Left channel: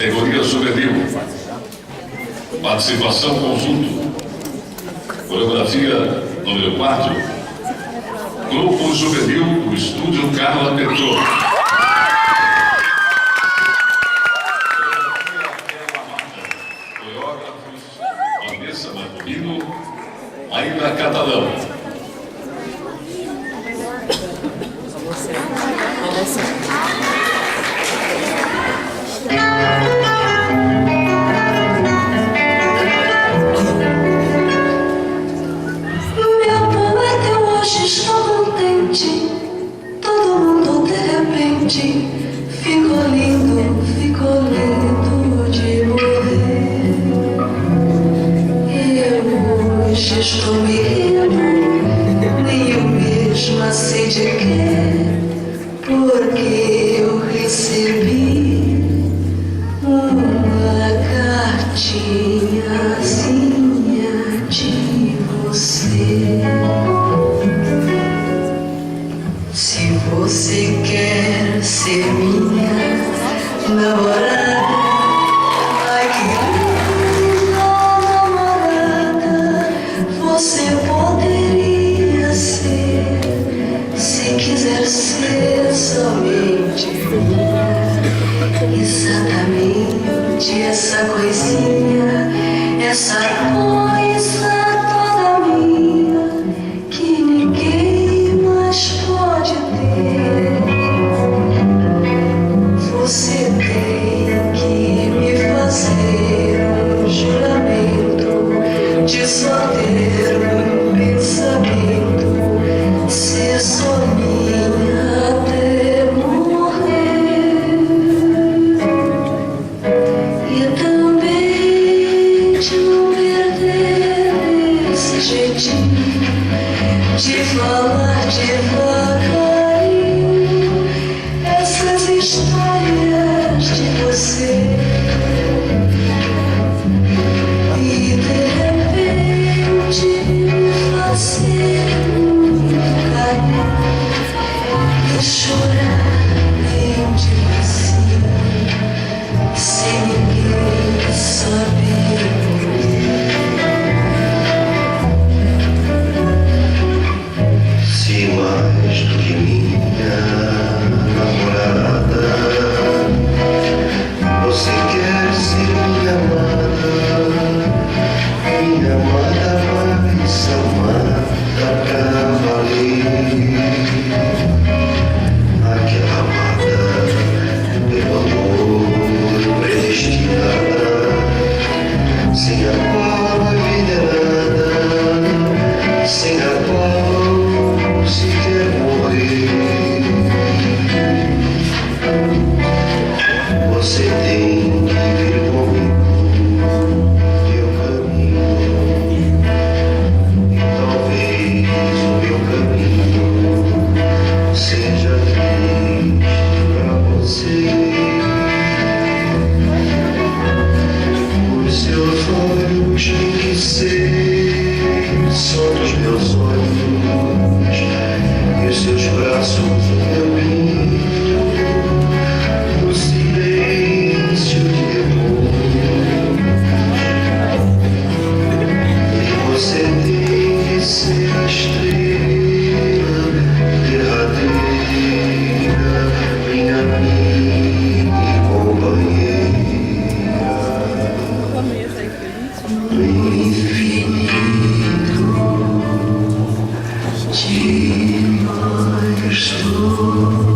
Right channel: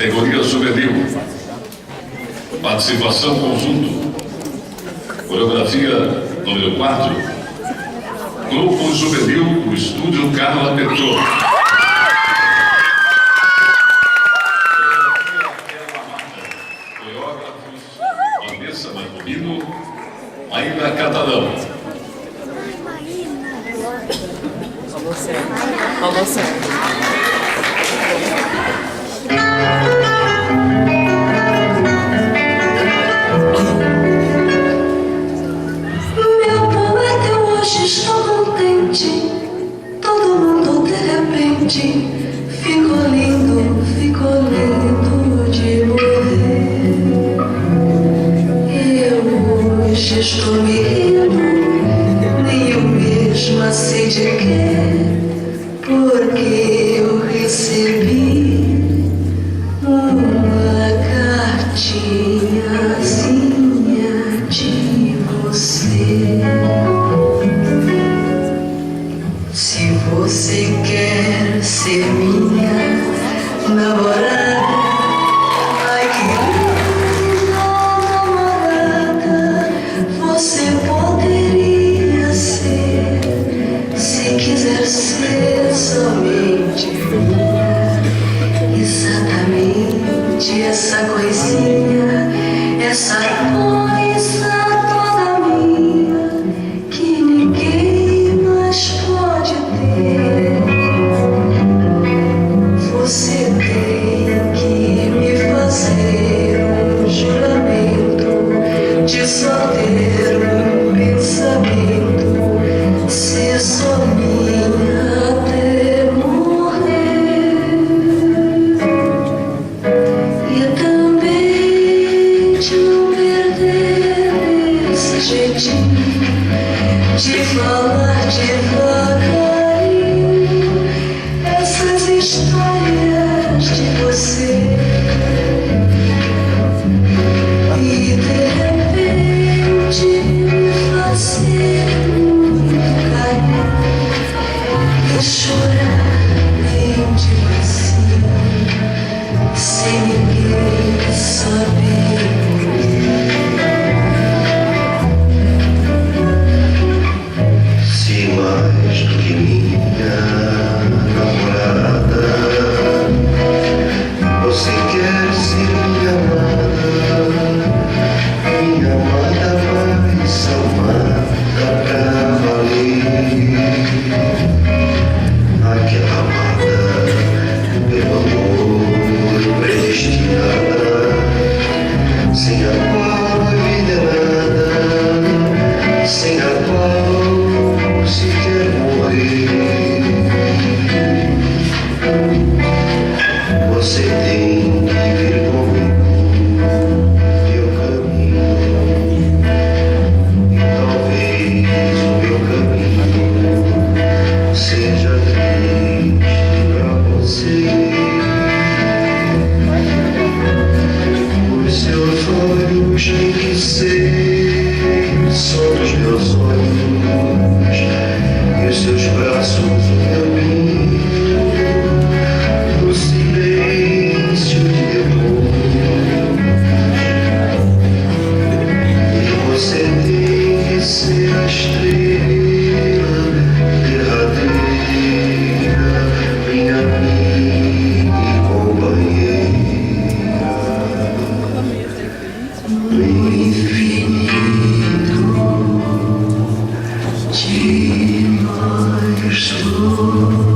Categoria juvenil. Participação conjunto. Coreografia número 4. Grupo Juvenil do Estúdio Carla Petrô. Coreógrafos Vanessa Marcomino, Maíra Catalão. Meu poeta, eu hoje estou contente. Todo mundo de repente ficou lindo de morrer. Eu hoje estou me rindo, nem eu mesma sei de quê, porque eu recebi uma cartinhazinha de você. Se você quer ser minha namorada, ai que linda namorada você poderia ser, se quiser ser somente minha. Exatamente essa coisinha, essa coisa toda minha, que ninguém mais pode ter. Você tem que me fazer um juramento de só ter um pensamento, ser só minha até morrer. E também de não perder esse jeitinho de falar devagarinho essas histórias de você. E de repente me fazer um carinho e chorar bem devagar, sem ninguém saber. Se mais do que minha namorada, você quer ser minha amada vai ser amada pra valer. Aquela amada pelo amor predestinada, sem a qual a vida é nada, sem a qual se quer morrer. Você tem que vir comigo, meu caminho, e talvez o meu caminho seja triste pra você. Os seus olhos têm que ser só dos meus olhos, e os seus braços o caminho, no silêncio de amor. E você tem que ser a estrela derradeira, minha amiga e companheira. No infinito de nós dois.